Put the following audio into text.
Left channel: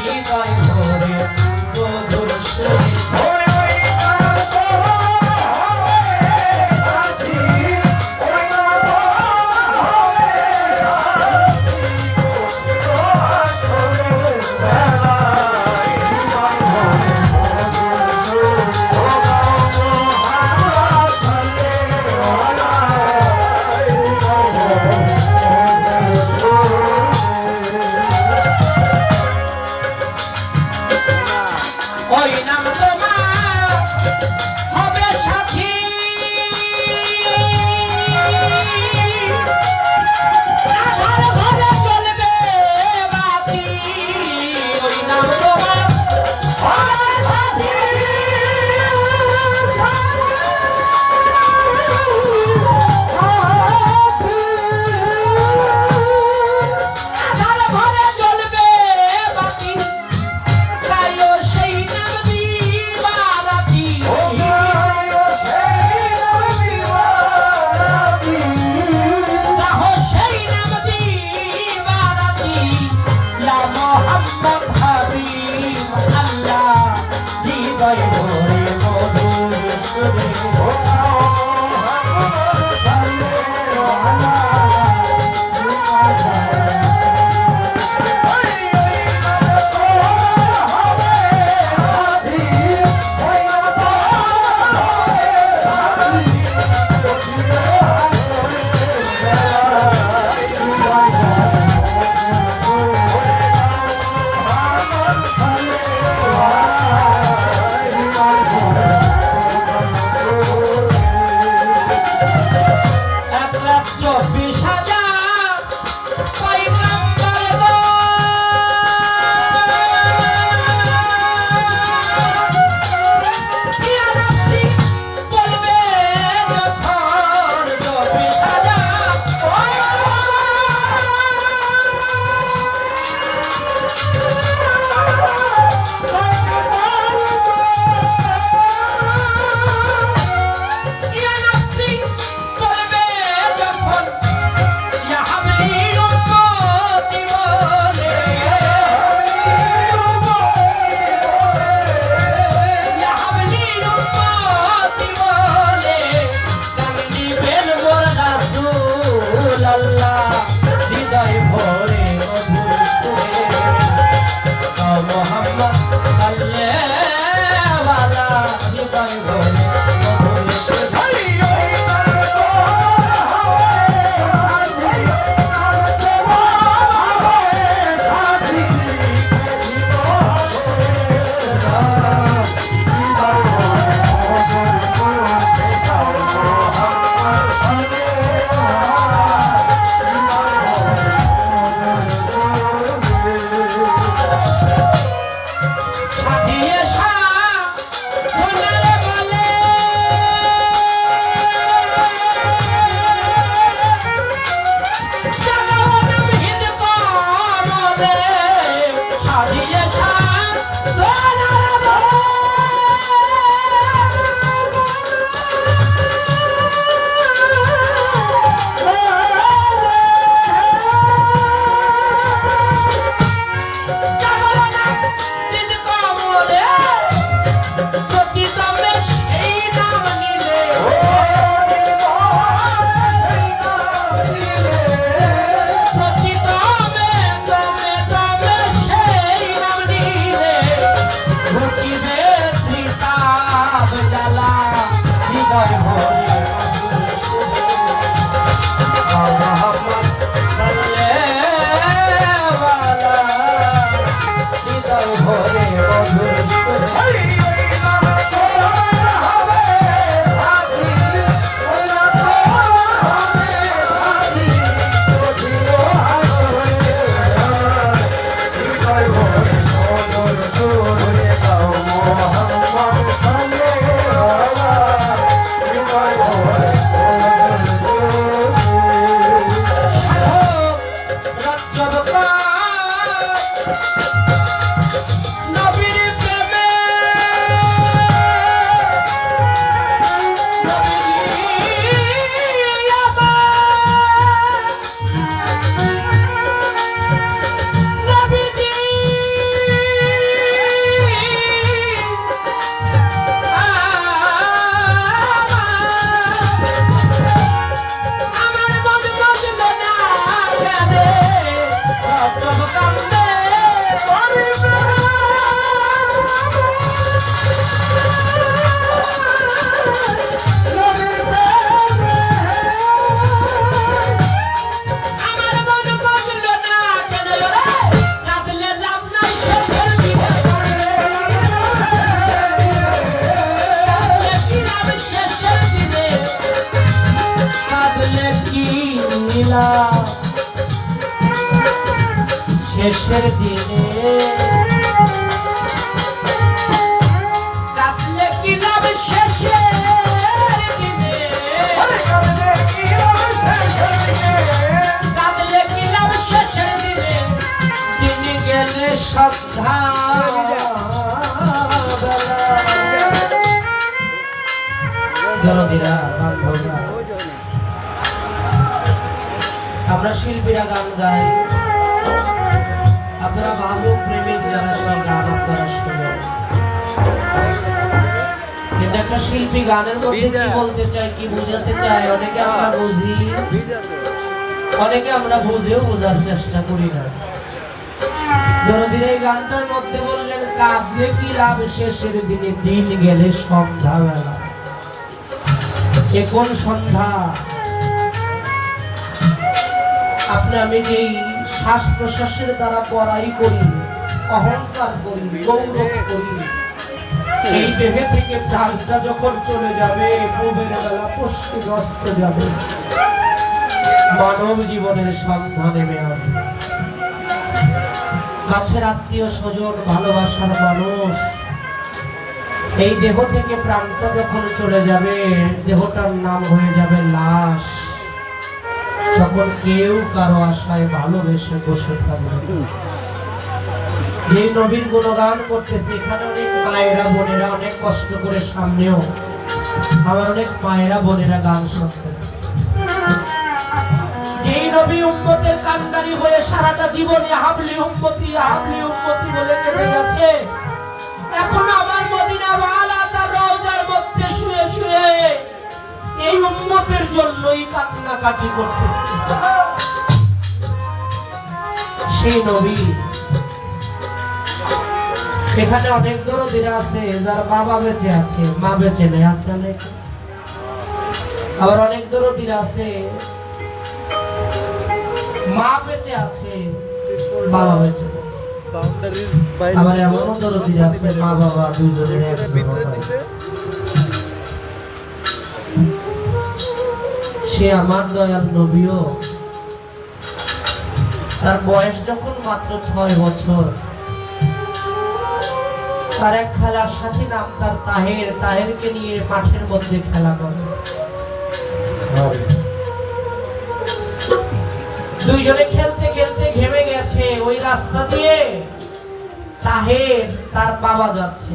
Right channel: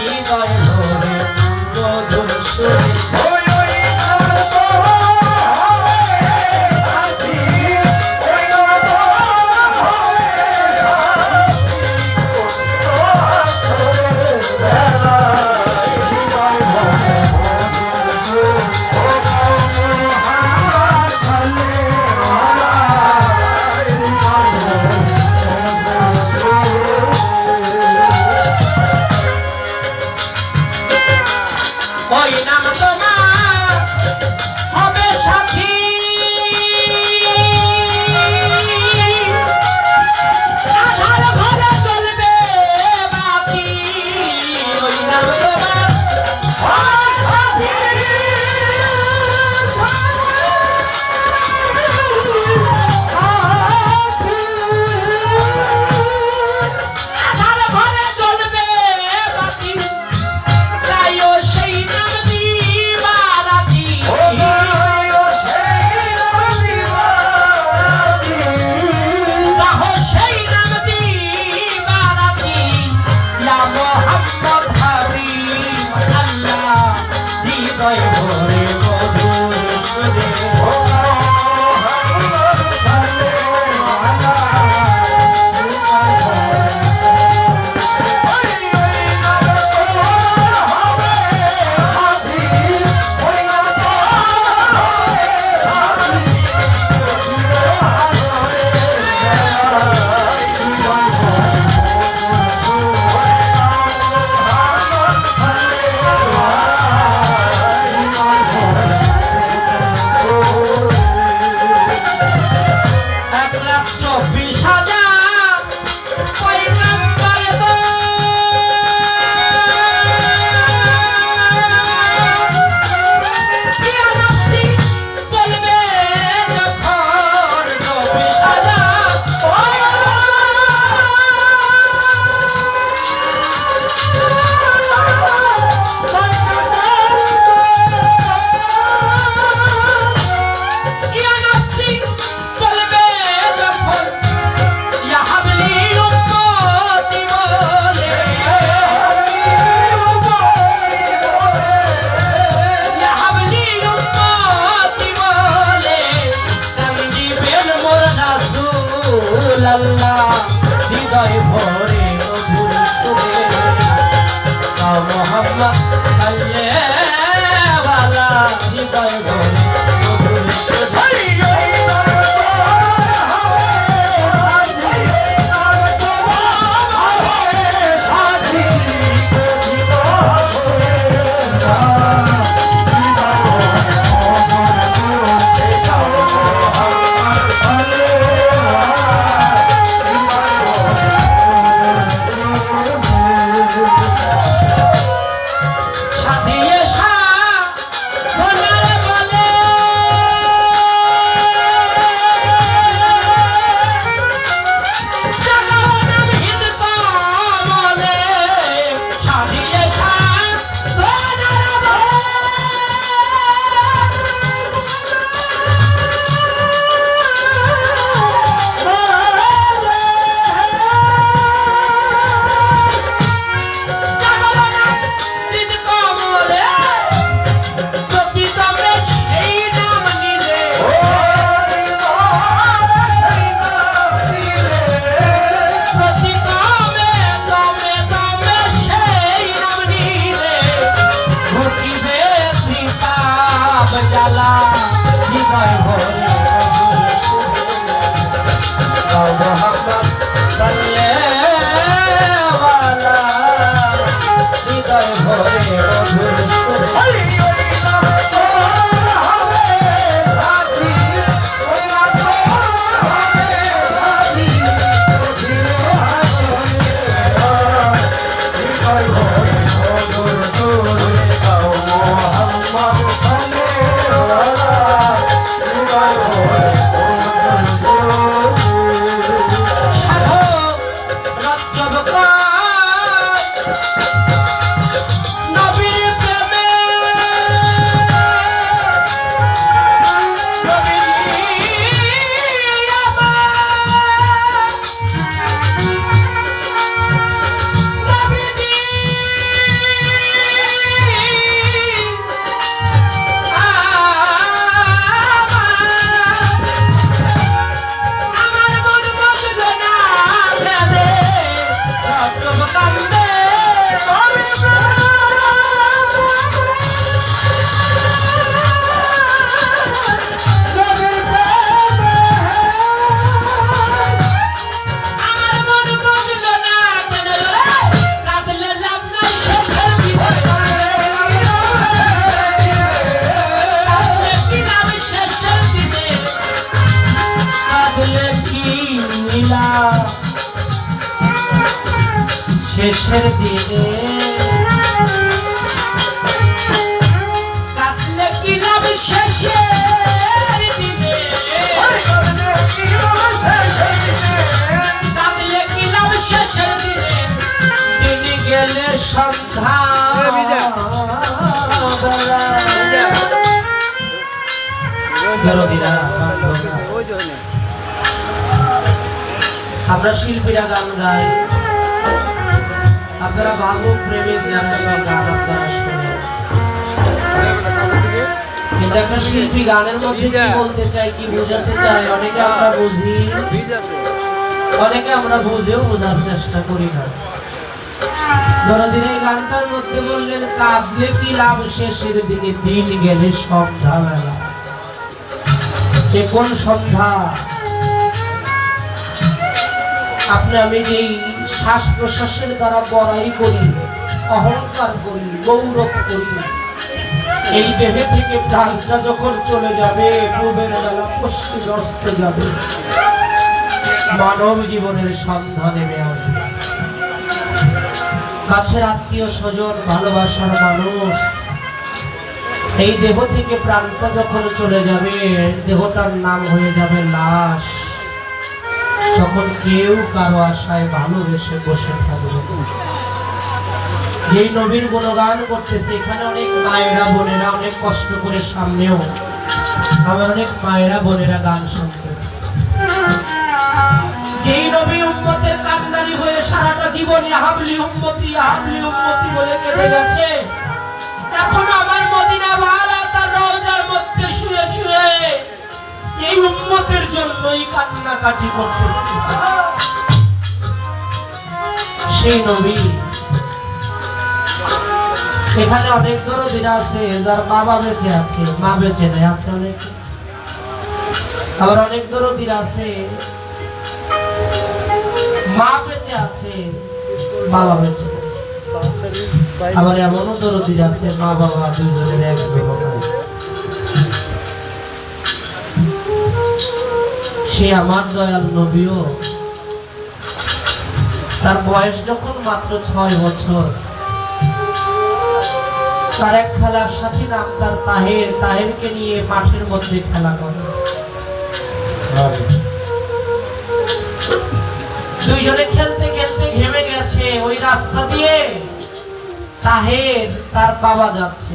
হৃদয় ভরে মধুর সুরে ওই নাম তোমার আল্লাহ দিন। গেলে সন্ধ্যা। আমরা শিল্পীরা গান গাই। আপনারা যারা সব গান আপনারা শুনে কিন্তু একটা শিল্পী গানের মধ্যে কি বলতে চাই কি বোঝাতে চাই অনেকে আমরা বুঝি। অনেকে আমরা বুঝেও বোঝার চেষ্টা করি না। দরদিন এই গানটার মধ্যে বললেন কাঁদলে কি লাভ? শেষের দিনে দিন গেলে সন্ধ্যাবেলা এ কোন সন্ধ্যা? আপনি আমি যেই শ্বাস প্রশ্বাসের দ্বারা বড়াই করি, অহংকার করি, গৌরব করি। এই দেহে থেকে প্রাণটা যখন চলে যাবে পূবের বেলা পশ্চিম অস্ত যাবে। মানব জীবনের সন্ধ্যা নেমে আসবে কাছের আত্মীয় স্বজন, ভালোবাসার মানুষ, এই দেহ থেকে প্রাণটা যখন চলে যাবে, দেহটার নাম হয়ে যাবে লাশ। তখন কেউ কারও আশায় ভালোবেসে বসে থাকবে। যেই নবীর গুণগান করতেছে, এখানে অনেক মায়েরা, বোনেরা অনেক কষ্ট করে সামনেও আমার অনেক মায়েরা, বোনেরা গান শুনতেছে যেই নবী উম্মতের হয়ে সারাটা জীবন হাবলি উম্মতি হাবলি উম্মতি বলে কেঁদে গেছে, এখন আমার মদিনা ওয়ালা এই উম্মতের জন্যই কান্নাকাটি করতেছে। সেই নবী, সেখানে অনেক আছে, যার বাবা বেঁচে আছে, মা বেঁচে নেই, আছে অনেক। আবার অনেক দরদিন আছে, মা বেঁচে আছে, বাবা বেঁচে আবার এমনও দরদিন আছে মা বাবা দুইজনের এক সে আমার দয়াল নবীও। তার বয়স যখন মাত্র ছয় বছর, তার এক খেলার সাথী নাম তার তাহের। তাহেরকে নিয়ে মাঠের মধ্যে খেলা করে। দুইজনে খেলতে খেলতে ঘেমে গেছে। ওই রাস্তা দিয়ে তাহের তার বাবা যাচ্ছে।